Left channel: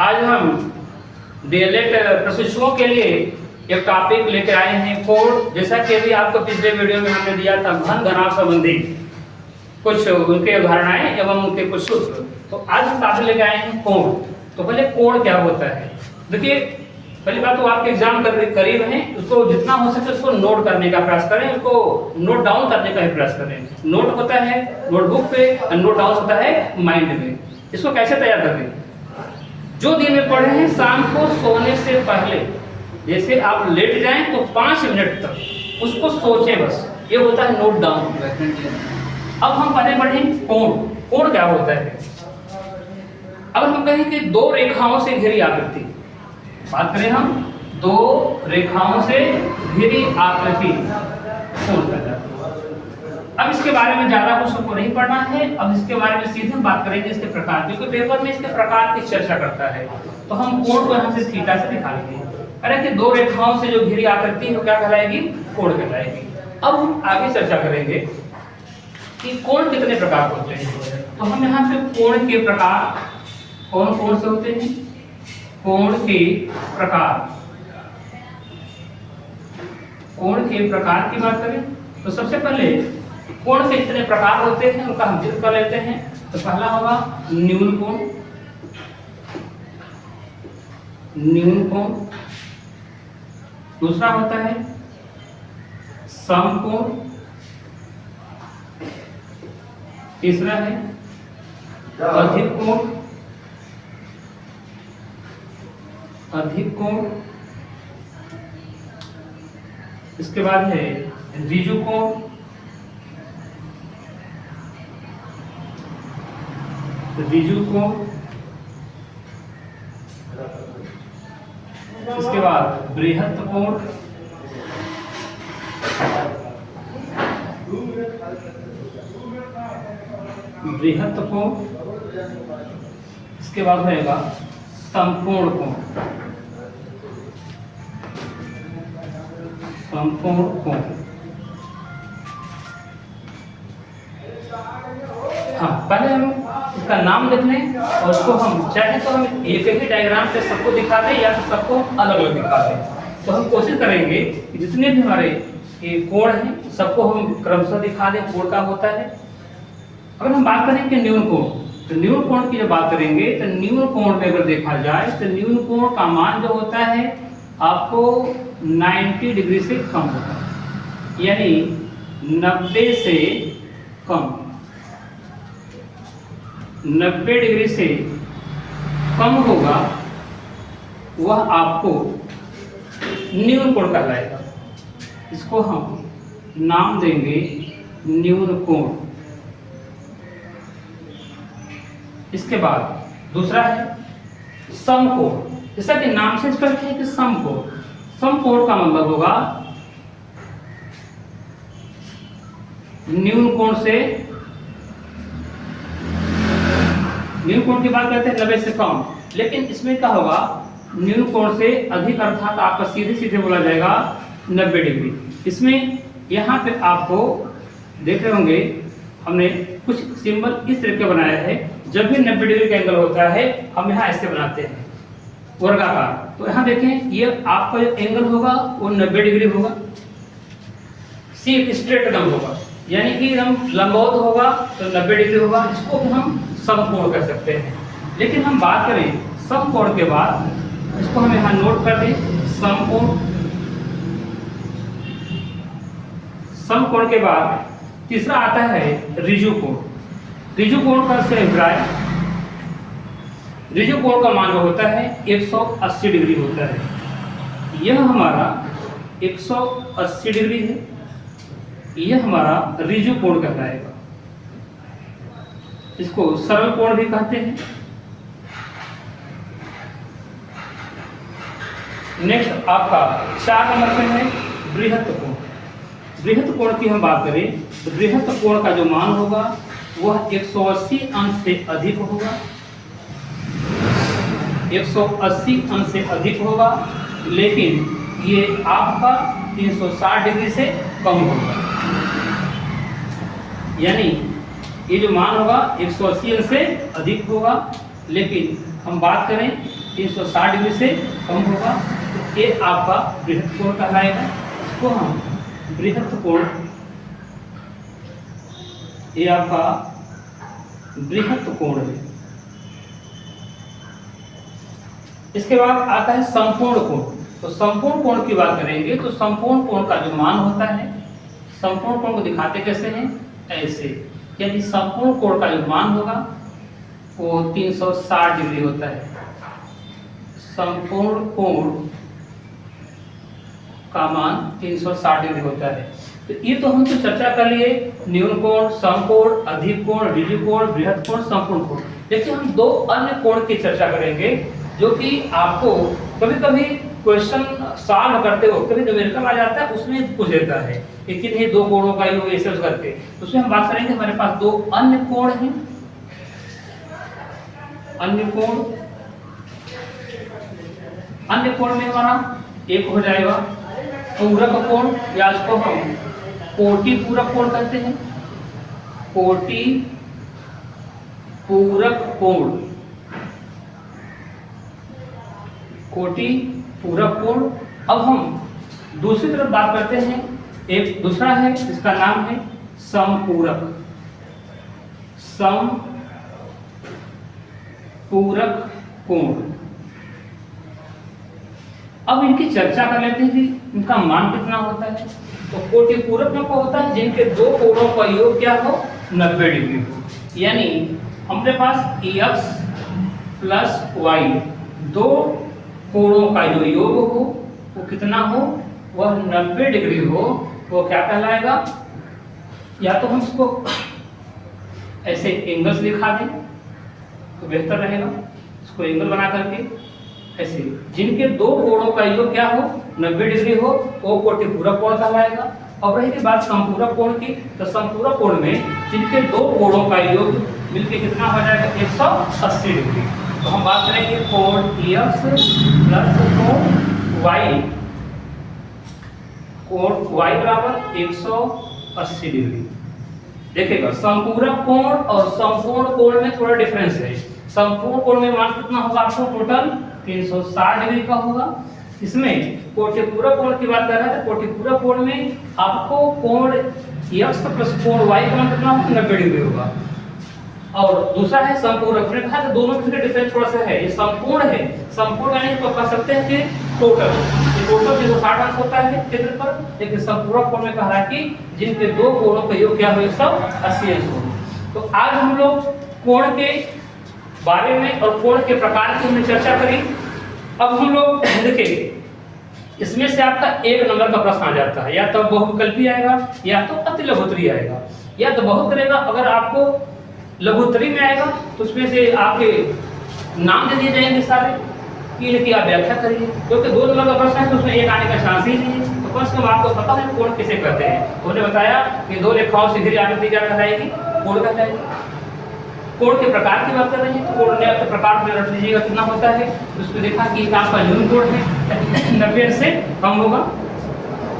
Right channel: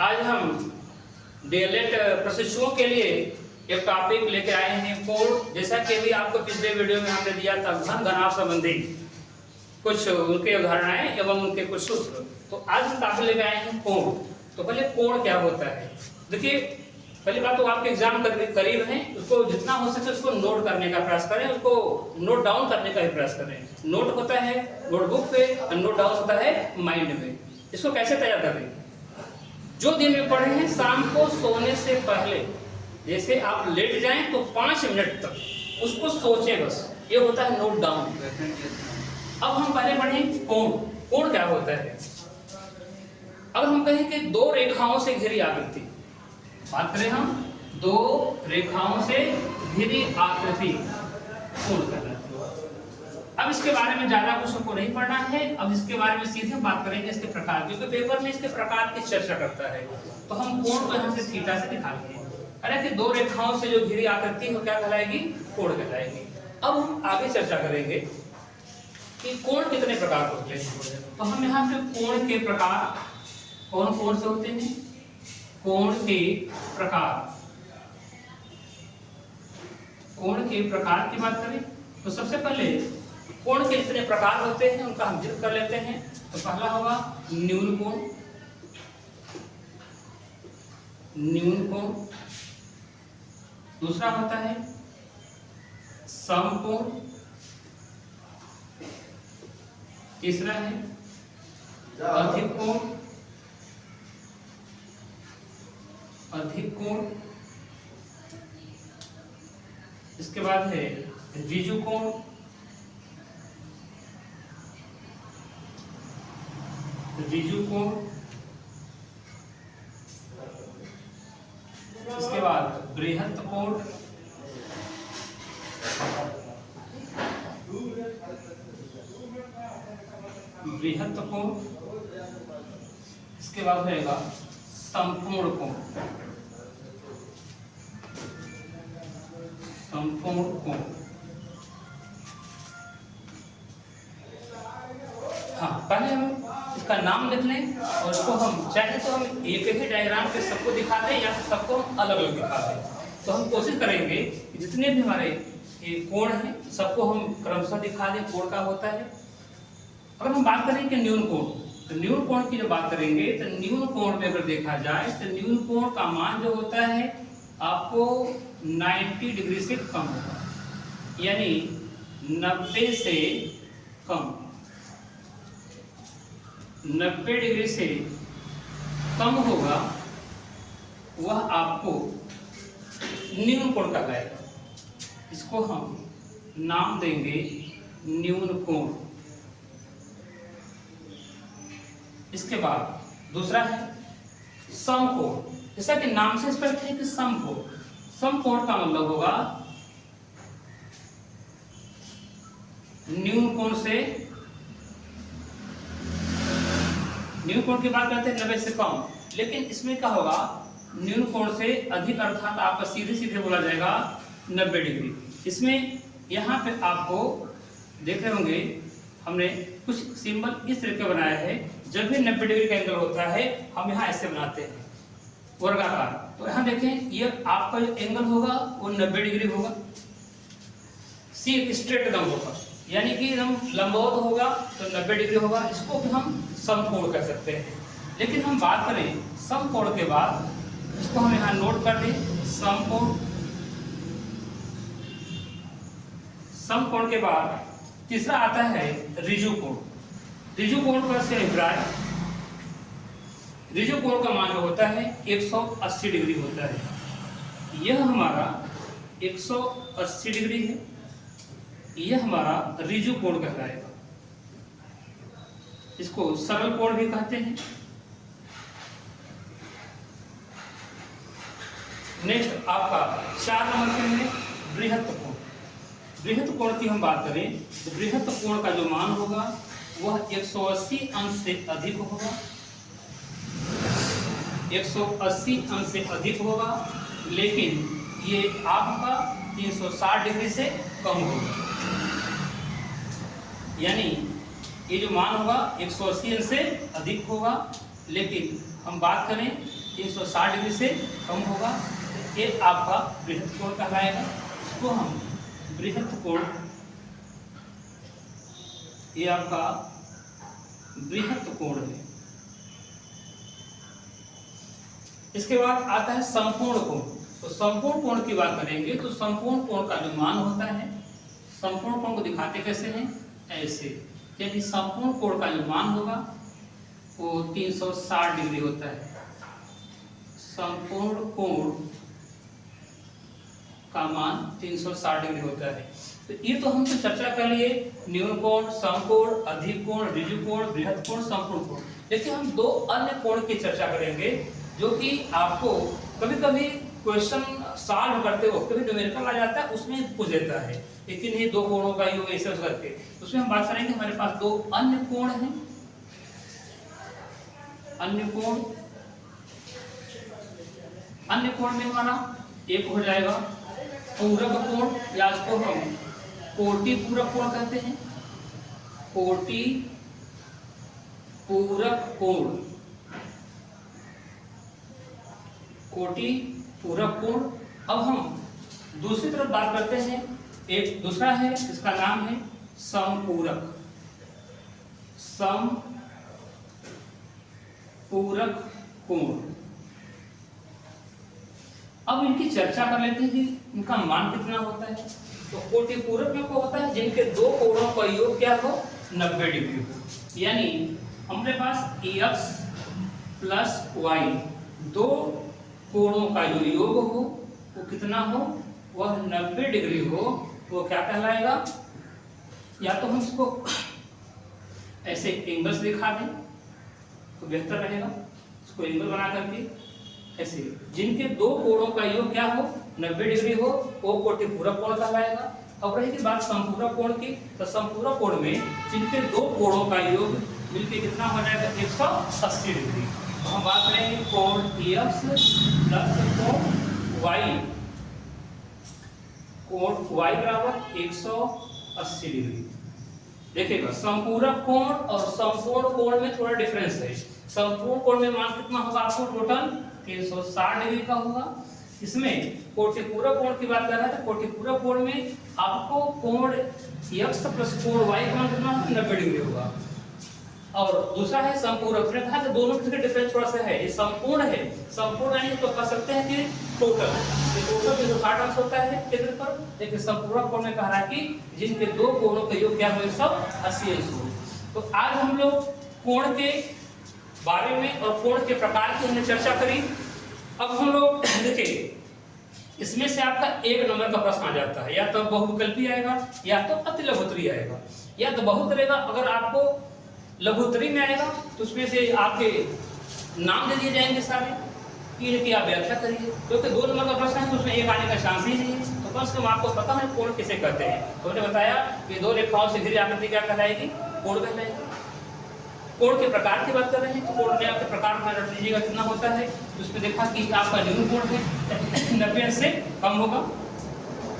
आज हम डीएलएड प्रशिक्षुओं के लिए एक टॉपिक लेकर आए हैं कोड। जैसा कि अभी आपको पिछले वीडियो में हमने दिया था घन घनाभ संबंधी कुछ उनके उदाहरणाएं एवं उनके कुछ सूत्र, तो आज हम टॉपिक लेकर आए हैं कोड। तो पहले कोड क्या होता है, देखिए पहली बात तो आपके एग्जाम करीब है, उसको जितना हो सके उसको नोट करने का प्रयास करें, उसको नोट डाउन करने का ही प्रयास करें। नोट होता है नोटबुक पे और नोट डाउन होता है माइंड में। इसको कैसे तैयार करें, जो दिन में पढ़े हैं शाम को सोने से पहले, जैसे आप लेट जाएं तो 5 मिनट तक उसको सोचें, बस ये होता है नोट डाउन। अब हम पहले पढ़ें कोण। कोण क्या होता है, अगर हम कहें कि दो रेखाओं से घिरी आकृति, बात करें हम दो रेखाओं से घिरी आकृति कोण कहलाती है। अब इसके बारे में ज्यादा कुछ हमको नहीं पढ़ना है, अब इसके बारे में सीधे हम बात करेंगे इसके प्रकार, क्योंकि पेपर में इसके प्रकार की चर्चा करता है। तो हम कोण को यहाँ से थीटा से दिखा लेंगे। अरे कि दो रेखाओं से जो घिरी आकृति है क्या कहलाएगी, कोण कहलाएगी। अब हम आगे चर्चा करेंगे कि कोण कितने प्रकार होते हैं। तो हम यहाँ पे कोण के प्रकार कौन कौन से होते हैं, कोण के प्रकार, कोण के प्रकार की बात करें तो सबसे पहले कोण के कितने प्रकार होते हैं उनका हम जिक्र कर लेते हैं। तो पहला होगा न्यून कोण, न्यून कोण। दूसरा होता है समकोण। तीसरा है अधिक कोण, अधिक कोण। इसके बाद है ऋजु कोण, ऋजु कोण। इसके बाद बृहत् कोण, बृहत् कोण। इसके बाद रहेगा संपूर्ण कोण, संपूर्ण कोण। हाँ, पहले हम इसका नाम लिख लें और उसको हम चाहे तो हम एक ही डायग्राम पे सबको दिखा दें या तो सबको अलग अलग दिखा दें। तो हम कोशिश करेंगे कि जितने भी हमारे ये कोण हैं सबको हम क्रमशः दिखा दें कोण का होता है। अगर हम बात करें कि न्यून कोण, तो न्यून कोण की जब बात करेंगे तो न्यून कोण में अगर देखा जाए तो न्यून कोण का मान जो होता है आपको 90 डिग्री से कम होता है, यानी 90 से कम, 90 डिग्री से कम होगा वह आपको न्यून कोण कहलाएगा। इसको हम नाम देंगे न्यून कोण। इसके बाद दूसरा है समकोण। जैसा कि नाम से स्पष्ट है कि समकोण, समकोण का मतलब होगा न्यून कोण से, न्यून कोण की बात करते हैं 90 से कम, लेकिन इसमें क्या होगा न्यून कोण से अधिक, अर्थात आपका सीधे सीधे बोला जाएगा 90 डिग्री। इसमें यहाँ पे आपको देख रहे होंगे हमने कुछ सिंबल इस तरह का बनाया है। जब भी 90 डिग्री का एंगल होता है हम यहाँ ऐसे बनाते हैं वर्गाकार। तो यहाँ देखें ये आपका जो एंगल होगा वो 90 डिग्री होगा, स्ट्रेट एकदम होगा, यानी कि हम लंबवत होगा तो 90 डिग्री होगा। इसको भी हम समकोण कर सकते हैं। लेकिन हम बात करें समकोण के बाद, इसको हम यहाँ नोट कर दें समकोण। समकोण के बाद तीसरा आता है ऋजु कोण। ऋजु कोण का से अभिप्राय, ऋजु कोण का मान जो होता है 180 डिग्री होता है। यह हमारा 180 डिग्री है, यह हमारा ऋजु कोण कहलाएगा। इसको सरल कोण भी कहते हैं। नेक्स्ट आपका 4 नंबर पे है बृहत् कोण। बृहत् कोण की हम बात करें तो बृहत् कोण का जो मान होगा वह 180 अंश से अधिक होगा, 180 अंश से अधिक होगा, लेकिन ये आपका 360 डिग्री से कम होगा। यानी ये जो मान होगा 180 अंश से अधिक होगा, लेकिन हम बात करें 360 डिग्री से कम होगा, तो ये आपका बृहत कोण कहलाएगा। इसको हम बृहत कोण, ये आपका बृहत कोण है। इसके बाद आता है संपूर्ण कोण। तो संपूर्ण कोण की बात करेंगे तो संपूर्ण कोण का जो मान होता है, संपूर्ण कोण को दिखाते कैसे हैं, ऐसे। यदि संपूर्ण कोण का जो मान होगा वो 360 डिग्री होता है। संपूर्ण कोण का मान 360 डिग्री होता है। तो ये तो हम तो चर्चा कर लिए, न्यून कोण, समकोण, अधिक कोण, ऋजु कोण, बृहत कोण, संपूर्ण कोण। देखिए हम दो अन्य कोण की चर्चा करेंगे जो कि आपको कभी कभी क्वेश्चन सॉल्व करते हो कभी न्यूमेरिकल आ जाता है, उसमें पूछ देता है कि किन्हीं दो कोणों का योग ऐसे करके। उसमें हम बात करेंगे, हमारे पास दो अन्य कोण हैं। अन्य कोण, अन्य कोण में हमारा एक हो जाएगा पूरक कोण, या इसको हम कोटि पूरक कोण कहते हैं। कोटि पूरक कोण, कोटि पूरक कोण। अब हम दूसरी तरफ बात करते हैं, एक दूसरा है जिसका नाम है समपूरक, समपूरक कोण। अब इनकी चर्चा कर लेते हैं कि इनका मान कितना होता है। तो कोटि पूरक में क्या होता है, जिनके दो कोणों का योग क्या हो, 90 डिग्री हो। यानी हमारे पास x प्लस y, दो कोणों का जो योग हो वो कितना हो, वह 90 डिग्री हो, वो क्या कहलाएगा। या तो हम इसको ऐसे एंगल्स दिखा दें तो बेहतर रहेगा, इसको एंगल बना करके ऐसे, जिनके दो कोणों का योग क्या हो, 90 डिग्री हो, वो कोटि पूरक कोण कहलाएगा। अब रही बात संपूरक कोण की, तो संपूरक कोण में जिनके दो कोणों का योग मिलके कितना हो जाएगा, 180 डिग्री। तो हम बात करेंगे कोण x प्लस कोण y, कोण y बराबर 180 डिग्री। देखिएगा संपूरक कोण और संपूर्ण कोण में थोड़ा डिफरेंस है। संपूर्ण कोण में मान कितना होगा आपको, टोटल 360 डिग्री का होगा। इसमें कोटिपूरक कोण की बात कर रहे हैं, तो कोटिपूरक कोण में आपको कोण x प्लस कोण y का मान कितना होगा, 90 डिग्री होगा। और दूसरा है संपूरक, मैंने कहा कि दोनों में डिफरेंस थोड़ा सा है। ये संपूर्ण है, संपूर्ण यानी तो कह सकते हैं कि टोटल, ये टोटल 360 अंश होता है क्षेत्र पर, लेकिन संपूरक कोण में कह रहा है कि जिनके दो कोणों का योग क्या हो, 180 अंश हो। तो आज हम लोग कोण के बारे में और कोण के प्रकार की हमने चर्चा करी। अब हम लोग देखिए, इसमें से आपका एक नंबर का प्रश्न आ जाता है, या तो बहुविकल्पी आएगा या तो अति लघुत्तरी आएगा। या तो बहुत करेगा, अगर आपको लघुत्तरी में आएगा तो उसमें से आपके नाम दे दिए जाएंगे सारे कि इनकी आप व्याख्या करिए, क्योंकि दो नंबर का प्रश्न है तो उसमें एक आने का चांस ही नहीं है। तो कम से कम आपको पता है कोण किसे कहते हैं। उन्होंने बताया कि दो रेखाओं से घिरी आकृति क्या कहलाएगी, कोण कहलाएगी। कोण के प्रकार की बात कर रहे हैं, तो कोण के प्रकार में रख लीजिएगा कितना होता है। तो उसको देखा कि आपका न्यून कोण है 90 से कम होगा,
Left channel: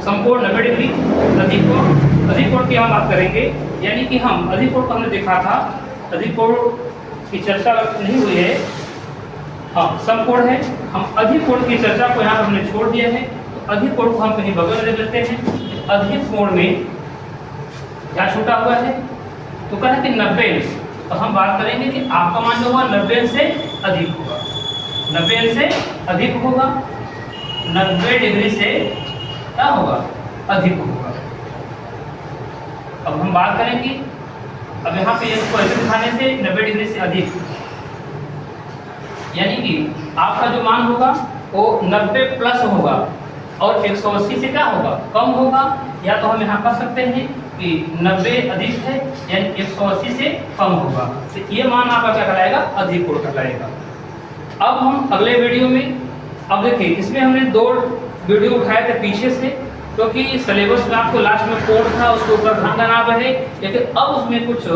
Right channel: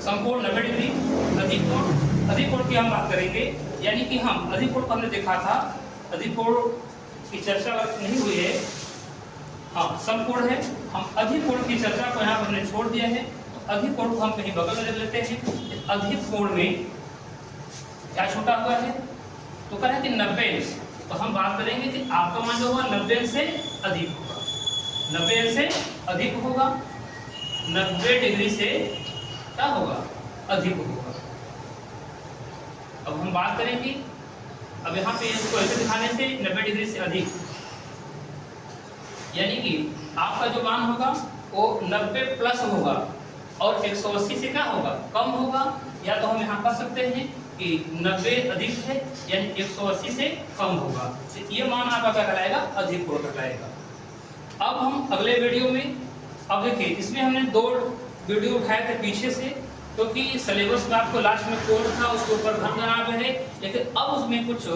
समकोण 90 डिग्री, अधिक कोण की हम बात करेंगे। यानी कि हम अधिक कोण को हमने देखा था, अधिक कोण की चर्चा नहीं हुई है, हाँ समकोण है। हम अधिक कोण की चर्चा को यहाँ हमने छोड़ दिया है, तो अधिक कोण को हम कहीं बगल में ले लेते हैं। अधिक कोण में क्या छूटा हुआ है, तो कहना कि 90 अंश। तो हम बात करेंगे कि आपका मान जो होगा 90 अंश से अधिक होगा, 90 अंश से अधिक होगा, 90 डिग्री से क्या होगा, अधिक होगा। अब हम बात करेंगे, अब यहाँ पे इसको ऐसे दिखाने से 90 डिग्री से अधिक, यानी कि आपका जो मान होगा वो 90 प्लस होगा और 180 से क्या होगा, कम होगा। या तो हम यहाँ कर सकते हैं कि 90 अधिक है यानी 180 से कम होगा, तो ये मान आपका क्या कहलाएगा, अधिक कोण कहलाएगा। अब हम अगले वीडियो में, अब देखिए इसमें हमने दो वीडियो उठाए थे पीछे से, क्योंकि सिलेबस में आपको लास्ट में कोण था उसके ऊपर ध्यान देना रहे, लेकिन अब उसमें कुछ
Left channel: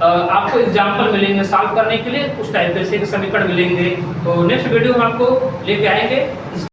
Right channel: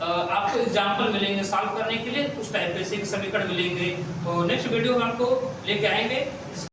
आपको एग्जाम्पल मिलेंगे सॉल्व करने के लिए, कुछ टाइप के समीकरण मिलेंगे। तो नेक्स्ट वीडियो में आपको लेके आएंगे।